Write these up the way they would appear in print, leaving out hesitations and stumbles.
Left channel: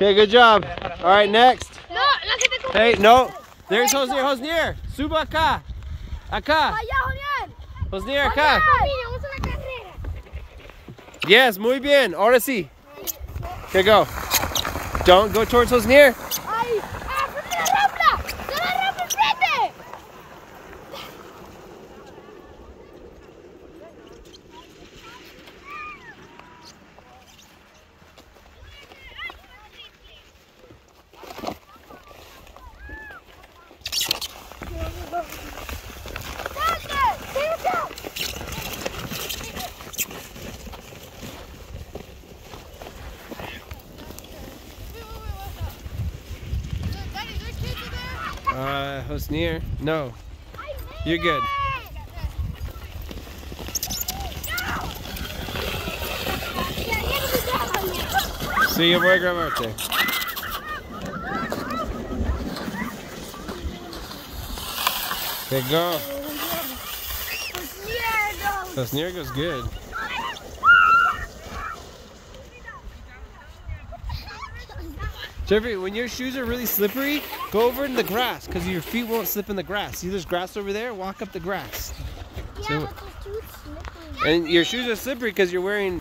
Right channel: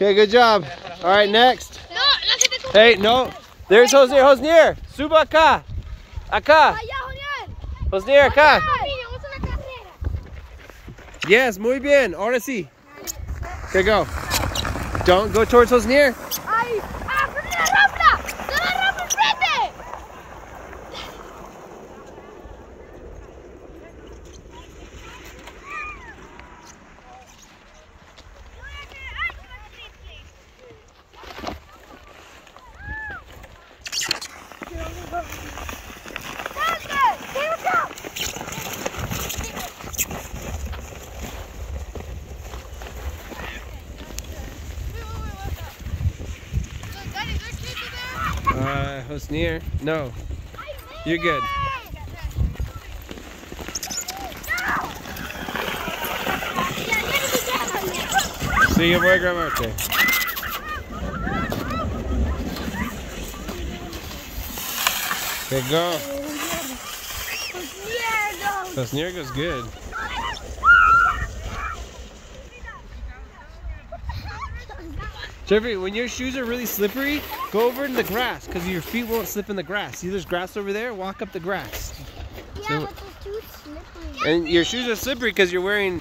Okay, good job. All right, next. Hey, no. There's Hosnier. Hosnier. Suba acá. Acá. Hosnier, acá. Yes, muy bien. Ahora sí. Okay, go. Don't go towards Hosnier. Hosnier. No. You're good. See you, boy, Gramarte. Okay, go. Hosnier goes good. Jeffrey, when your shoes are really slippery, go over in the grass because your feet won't slip in the grass. See, there's grass over there? Walk up the grass. Yeah, So, but the shoes slippery. and your shoes are slippery because you're wearing...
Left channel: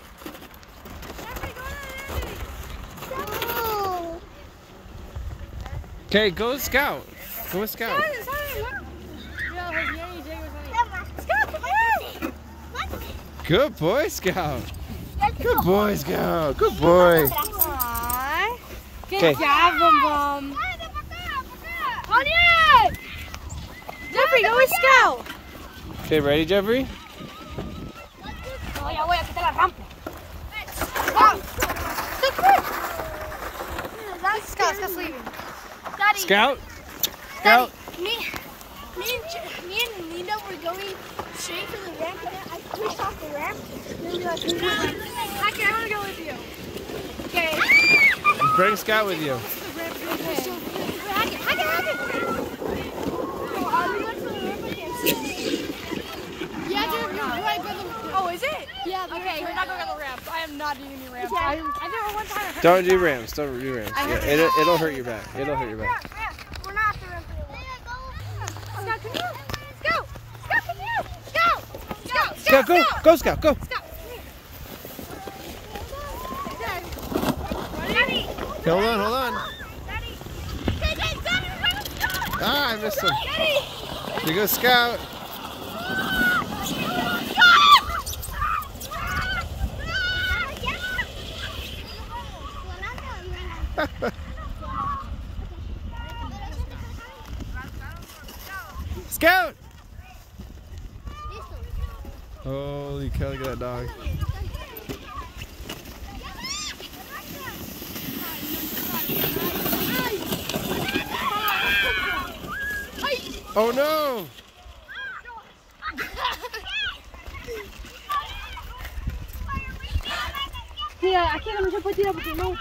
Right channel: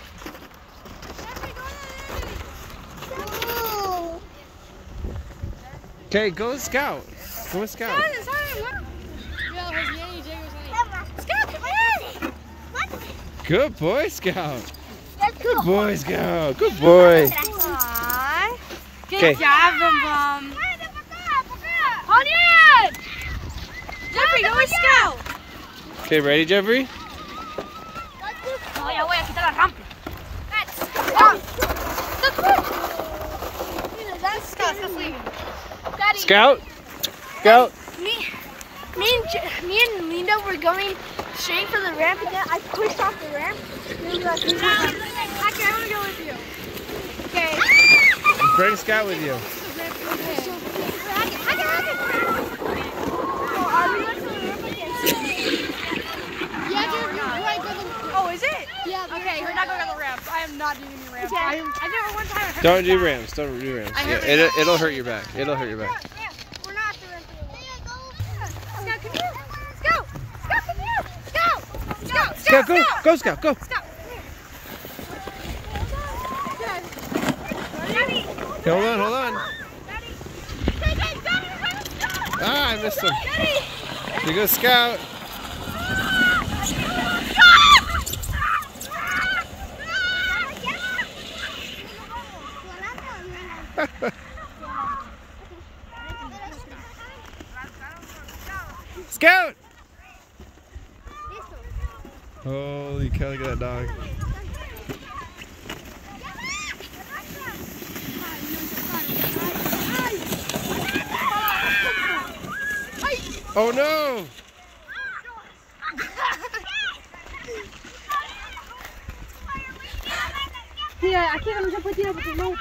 Okay, go Scout. Go with Scout. Good boy, Scout. Good boy, Scout. Good boy. Okay. Jeffrey, go with Scout. Okay, ready, Jeffrey? Scout? Scout? Me and Linda were going straight for the ramp, and then I pushed off the ramp. Then we like, I can't go with you. Okay. Bring Scout with you. Oh, is it? Yeah. Okay, we're not going on the ramps. I am not doing any ramps. Okay. I never went to ramps. Don't do ramps. Don't do ramps. Yeah, it'll hurt your back. It'll hurt your back. Yeah, we're not the ramp. Scout, come here. Scout, come here. Scout, go. Go, Scout, go. Okay, hold on, hold on. Ah, I missed him. Here goes Scout. Scout! Holy cow, look at that dog. Oh no! Yeah, I can't jump with you because no